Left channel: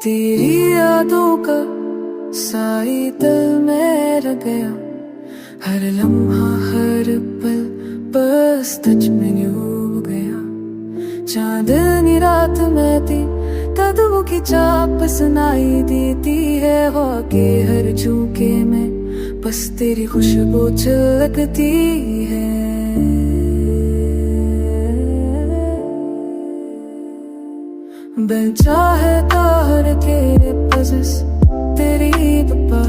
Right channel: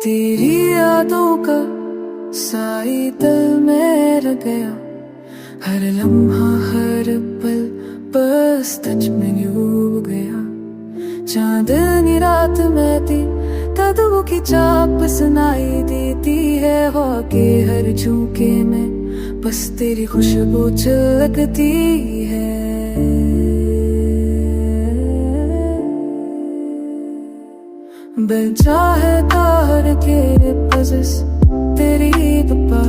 तेरी यादों का साई दिल में रह गया, हर लम्हा हर पल बस टच में डूब गया। चांदनी रात में थी कदमों की चाप सुनाई देती है, हवा के हर झोंके में बस तेरी खुशबू झलकती है। बन चाहे तार के पजस तेरी पप्पा,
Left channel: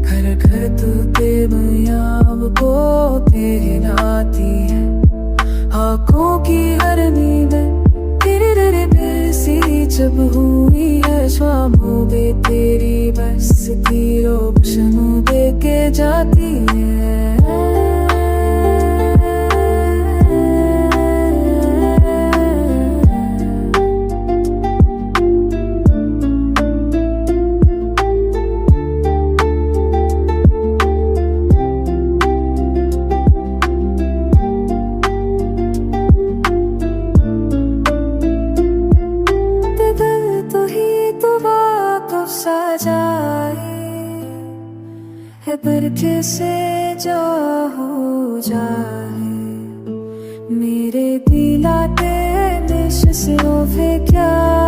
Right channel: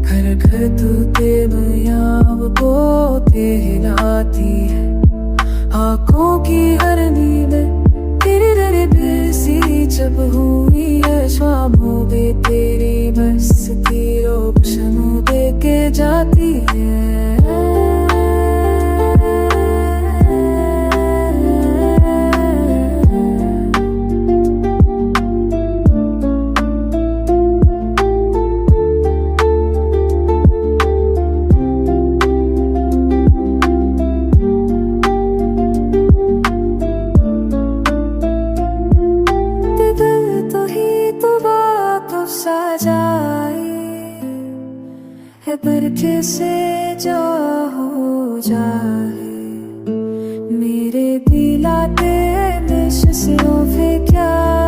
घर घर तू तेमयाब को हिलाती है। आँखों की हर नींद तेरी तेरे बेसी जब हुई है, शामों में तेरी बस की रोशनी दे के जाती है। तो ही तो बात सजाए है, बरखे से जो हो जाए मेरे दिलाते निश से क्या